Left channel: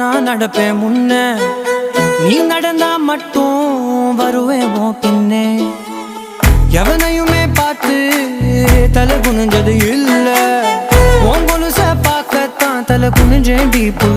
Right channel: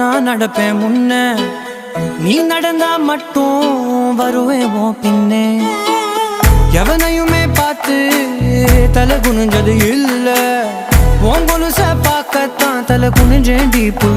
நான் நடப்பேன் முன்ன, நீ நடந்தா மட்டும் வருவேன் உன் பின்னே. எவனையுமே பார்த்து தலை குனிஞ்சது இல்ல, உன் கொலுச பார்க்கத்தான் தலை குனிஞ்சேண்டி புள்ள.